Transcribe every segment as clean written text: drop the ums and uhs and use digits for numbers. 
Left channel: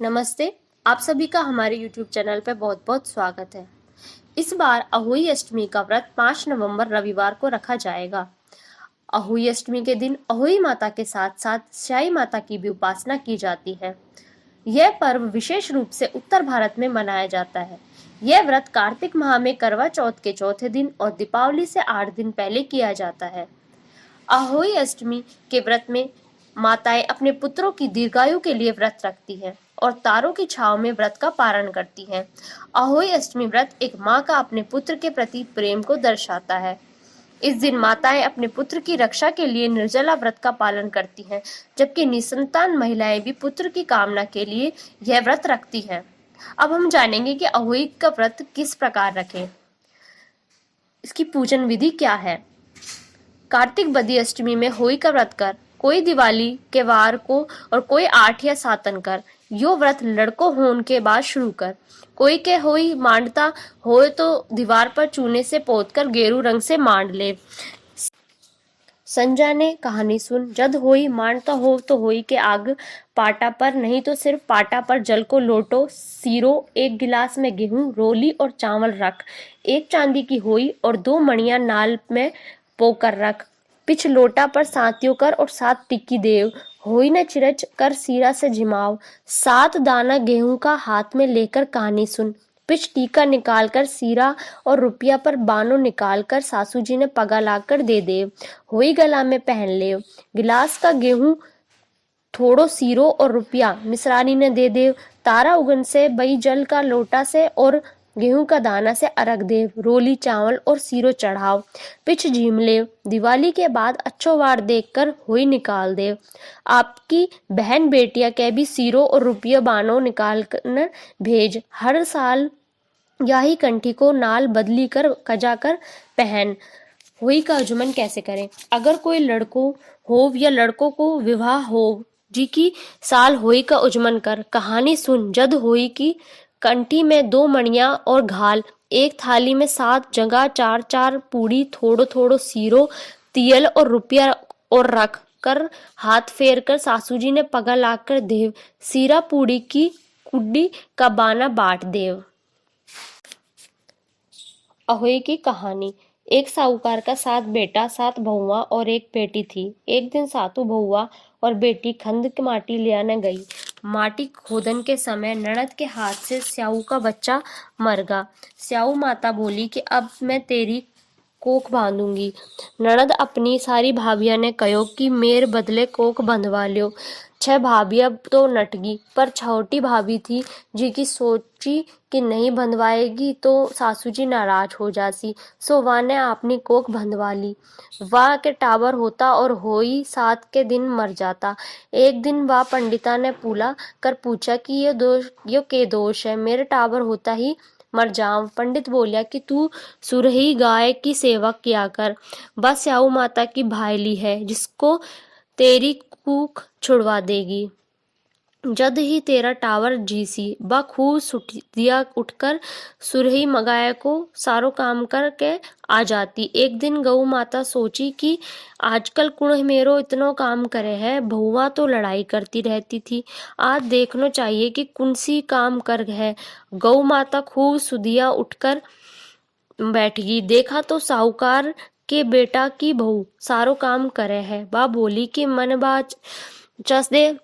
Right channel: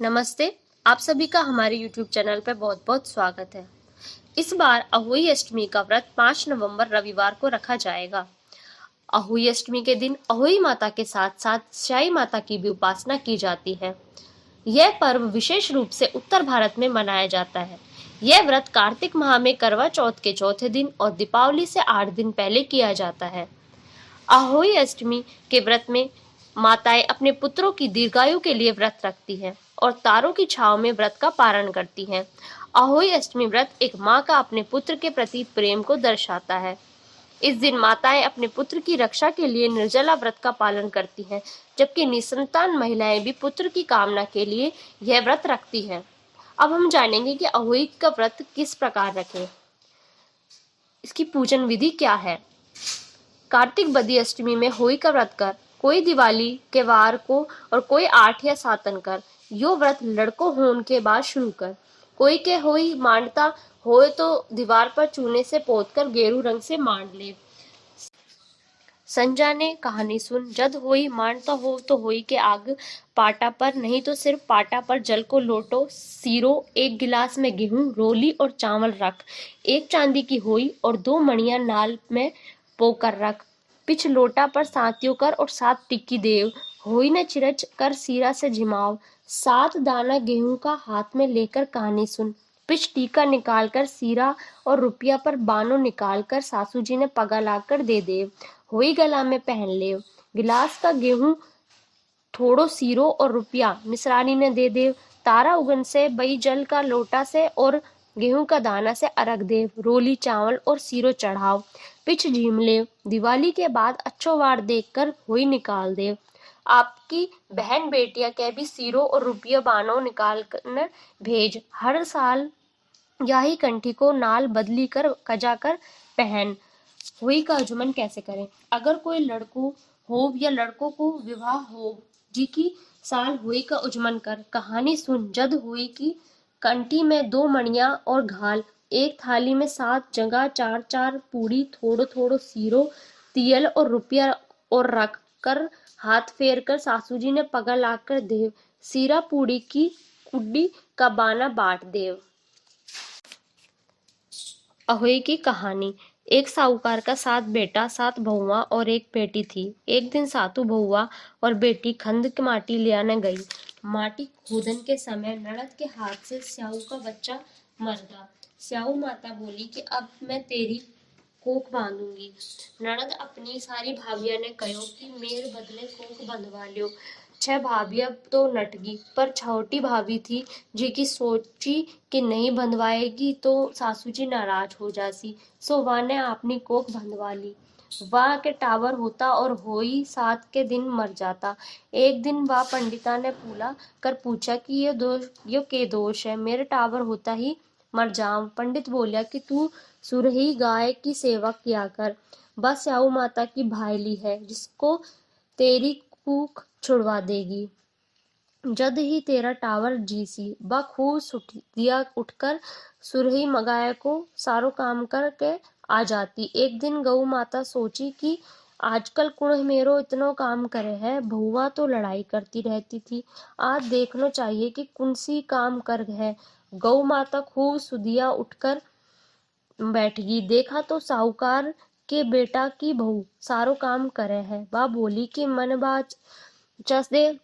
नमस्ते। आप सभी का हमारे YouTube चैनल पर बहुत बहुत स्वागत है। इस बार अहोई अष्टमी का व्रत 5 नवंबर रविवार को रखा जाएगा। अहोई अष्टमी के दिन अहोई माता के साथ साथ स्याई माता की भी उपासना की जाती है। यह पर्व विशेष रूप से उत्तर भारत में मनाया जाता है। यह व्रत कार्तिक माह में करवा चौथ के चौथे दिन और दीपावली से 8 दिन पहले किया जाता है। अहोई अष्टमी के व्रत में माताएं अपने पुत्रों की दीर्घायु के लिए व्रत रखती हैं और तारों की छांव में व्रत का पारण करती हैं। अहोई अष्टमी व्रत एक माँ का अपने पुत्र के प्रति प्रेम को दर्शाता है। इस दिन माताएं अपने पुत्र की रक्षा के लिए निर्जला व्रत का पालन करती हैं, जबकि निसंतान महिलाएं भी पुत्र की कामना के लिए यह व्रत रखती हैं। अब हम जानेंगे कि अहोई का व्रत किस प्रकार रखें। इसकी पूजन विधि क्या है। कार्तिक बदी अष्टमी में होई का व्रत कर, कोई दिवाली के वार को और कोई 8 या 7 कर। यो व्रत लड़को होने के बाद शुरू कर। कोई के होई मांडता होए तो दीवार पर चूने से पोतकर गेरू रंग से मांड ले। संजाने कहानी सुन, जद होई मांडता हो तो होई के आग पाटा पर, नहीं तो सिर्फ पाटा पर जल को लोटो सीरो, 1 गिलास में गेहूं रोली और चावल रख, 1 चांदी की होई और 2 मणियां नाल में पोकर रख, पिछ लोटा पर सातियों कर और 7 टिक्की देव, होई न चिरच कर सीरा से झिमाव, 7 दाना गेहूं का हाथ में लेकर कहानी सुन, पिछ टीका निकाल कर सीरा और रुपया पर बानो निकाल कर सासू जी ने पगा लाकर दे दे, होई गला में पहन ले, गिलास का गेहूं थोड़ो सीरो और रुपया मिसरानी ने दे दे, तारा उगन से बई जल का लोटा से और गेहूं का दाना से अर्घ दे, रोली चावल और सीरो चढ़ाव, पिछ झीम ले, दिवाली के बाद अच्छो वार देखकर होई निकाल दे, आपकी बहन बेटिया के भी सीरो और रुपया बानो निकाल कर भेज, हर साल याही कंठी को नाल बदली कर कजा कर पहन। होई का आचमन कैसे करें। अगर कोई लड़को हो या लड़कों को विवाह हो जी की साल होई का उजमन कर, कहानी सुन, जद होई की कंठी में 2 मणियां और घाल, एक थाली में 7 जगह 4-4 पूड़ी, थोड़ो थोड़ो सीरो तियल और रुपया और रख कर हाथ फेर कर सासू जी ने पगा लाकर देव, सीरा पूड़ी की कुड्डी का बाना बांट देव। अहोई की कहानी। एक साहूकार का 7 बेटा 7 बहुआ और एक बेटी थी। एक दिन सातु बहुआ और बेटी खंद की माटी ले आने गई। माटी खोदन के समय ननद के हाथ से स्याऊ का बच्चा मर गया। स्याऊ माता बोली कि अब मैं तेरी कोख बांधूंगी। ननद अपनी सारी भाभिया ने कहो कि मेरे बदले कोख बंधवा लियो। 6 भाभियां तो नटगी, पर छोटी भाभी थी जी की सोची कि नहीं बंधवाएगी तो सासू जी नाराज हो जासी, सो वह ने अपनी कोख बंधवा ली। वह के टाबर होता और होई 7 के दिन मर जाता। एक दिन वह पंडिता ने पूला कर पूछा कि ये के दोष है, मेरे टाबर होता ही मर जाऊं। पंडित बोलिया कि तू सुरही गाय की सेवा किया कर, बस स्याऊ माता की भाईली है जिसको तेरी कूख छुड़वा देगी। जद ही तेरा टावर जीसी बा खूब सुटिया उठकर सुरही मगाए को सारो काम करके आ जाती। एक दिन गऊ माता सोची कि आजकल कुण मेरो इतनो काम करे है, बहुआ तो लड़ाई करती रहती थी, आज देखनो चाहिए कि कुंसी काम कर है। गऊ माता खूब सुदिया उठकर बैठ गई। देखा तो साहूकार के बेटा की बहू सारो काम करे है। बा बोली कि मन बाच चस दे।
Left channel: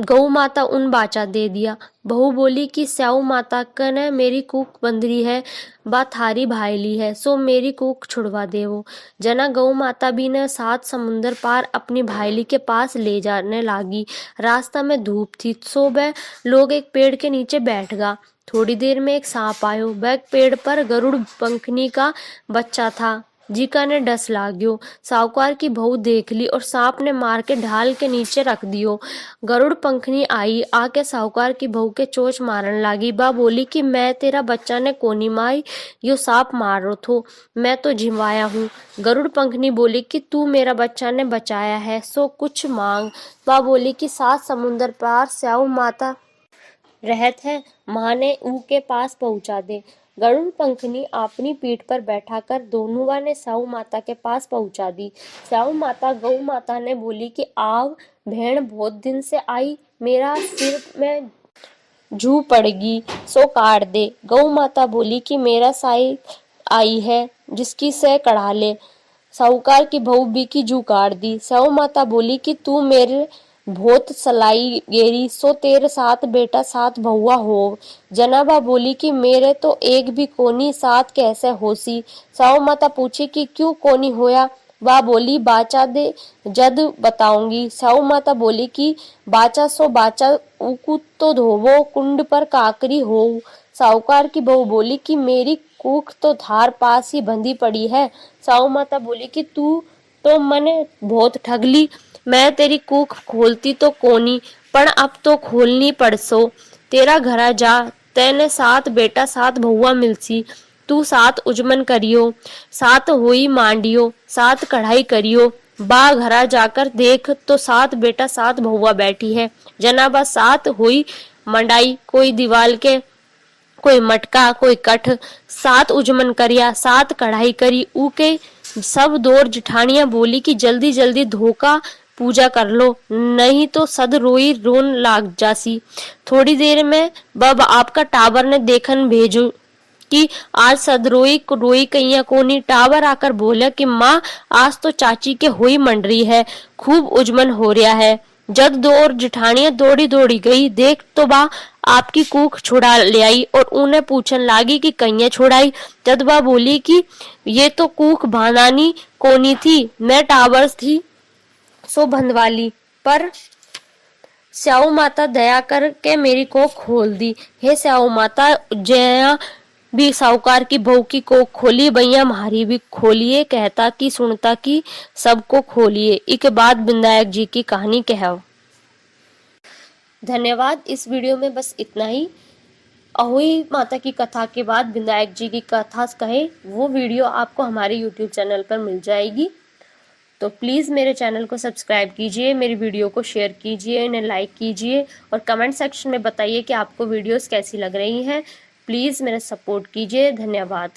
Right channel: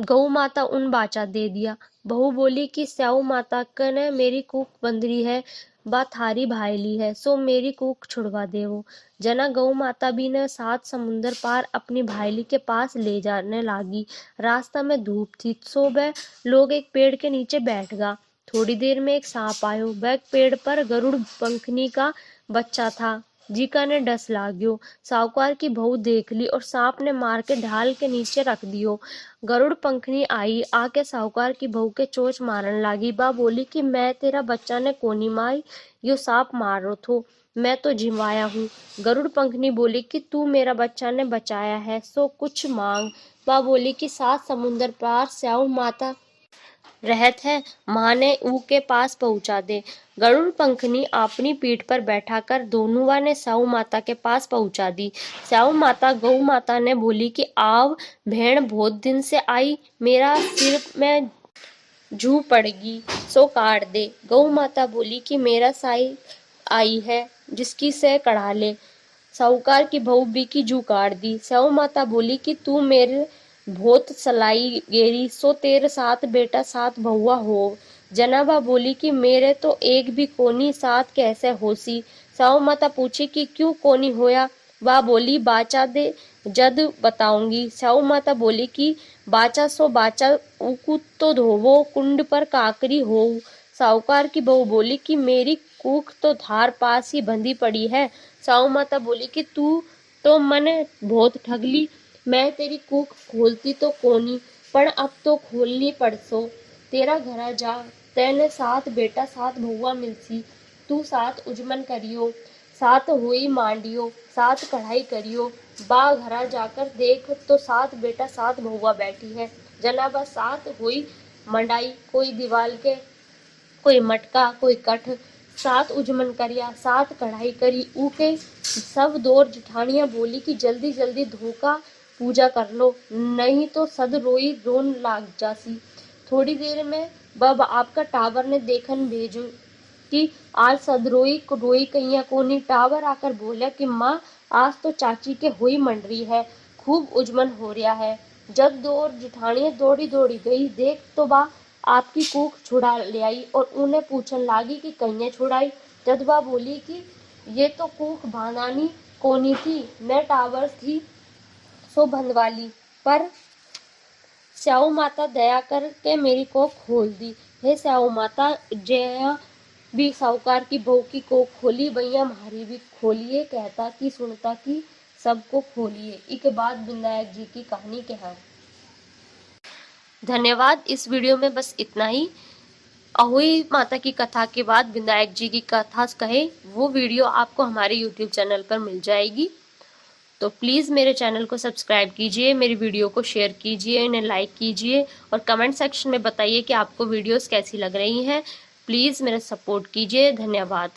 गऊ माता उन बाचा दे दिया। बहू बोली कि स्याऊ माता कने मेरी कूख बंधरी है, बा थारी भाईली है, सो मेरी कूख छुड़वा देवो। जना गऊ माता भी ने 7 समुंदर पार अपनी भाईली के पास ले जाने लागी। रास्ता में धूप थी, सो वह लोग एक पेड़ के नीचे बैठ गा। थोड़ी देर में एक सांप आयो। वह पेड़ पर गरुड़ पंखनी का बच्चा था। जीका ने डस लाग्यो। साहूकार की बहू देख ली और सांप ने मार के ढाल के नीचे रख दियो। गरुड़ पंखनी आई आके साहूकार की बहू के चोच मारन लागी। बा बोली कि मैं तेरा बच्चा ने कोनी माई, यो सांप मारो थो, मैं तो झिमवाया हूँ। गरुड़ पंखनी बोली कि तू मेरा बच्चा ने बचाया है, सो कुछ मांग। बा बोली कि 7 समुंदर पार स्याऊ माता रहत है, माँ ने ऊ के पास पहुंचा दे। गरुड़ पंखनी अपनी पीठ पर बैठाकर दोनुआ ने स्याऊ माता के पास पहुंचा दी। स्याऊ माता गौ माता ने बोली कि आव भेड़ बहुत दिन से आई, मेरा सिर में जू पड़गी सो काट दे। गौ माता बोली कि मेरा साई आई है जिसकी से कढ़ा ले। साहूकार की बहू भी की जू काट दी। स्याऊ माता बोली कि तू मेरे बहुत सलाई गेरी सो तेरे साथ बेटा साथ बहुआ हो। जनाबा बोली कि मेरे तो एक भी कोनी साथ कैसे होसी। स्याऊ माता पूछी कि क्यों कोनी होया। वह बोली बाचा दे जद बताऊंगी। स्याऊ माता बोली कि बाचा सो बाचा उकू तो धोवो कुंड पर काकरी हो। साहूकार की बहू बोली कि मेरी कूख तो धार पास ही बंधी पड़ी है। स्याऊ माता बोली कि तू तो मने बहुत ठगली, मैं तेरी कूख खोलती तो कोनी पण अब तो खोलनी पड़सो। तेरा घरा जा, तेने सात बेटा सात बहुआ मिलसी, तू सात उजमन करियो, सात होई मांडियो, सात कढ़ाई करियो। बा घरा जाकर देख तो सात बेटा सात बहुआ बैठी है। जनाबा सात होई मंडाई, कोई दीवाल के कोई मटका कोई कठ, सात उजमन करिया सात कढ़ाई करी। ऊ के सब दौर जिठानियां बोली कि जल्दी जल्दी धोखा पूजा कर लो, नहीं तो सद रोई रोन लाग जासी। थोड़ी देर में बब आपका टावर ने देखन भेजो कि आज सदरोई रोई कैया कोनी। टावर आकर बोला कि माँ आज तो चाची के होई मंडरी है, खूब उजमन हो रहा है। जद दो और जिठानियां दौड़ी दौड़ी गई, देख तो बा आपकी कूख छुड़ा ले आई और उन्हें पूछन लागी कि कैया छुड़ाई। जद बा बोली कि ये तो कूख भानानी कोनी थी, मैं टावर्स थी सो भंदवाली, पर स्याऊ माता दया करके मेरी को खोल दी। हे स्याऊ माता, जया भी साहूकार की बहू की कोख खोली, भैया मारी भी खोलिए, कहता कि सुनता कि सबको खोलिए। इसके बाद विनायक जी की कहानी कहो। धन्यवाद। इस वीडियो में बस इतना ही। अहोई माता की कथा के बाद विनायक जी की कथा कहे वो वीडियो आपको हमारे YouTube चैनल पर मिल जाएगी। तो प्लीज़ मेरे चैनल को सब्सक्राइब कीजिए, मेरी वीडियो को शेयर कीजिए, इन्हें लाइक कीजिए और कमेंट सेक्शन में बताइए कि आपको वीडियोस कैसी लग रही हैं। प्लीज़ मेरा सपोर्ट कीजिए। धन्यवाद।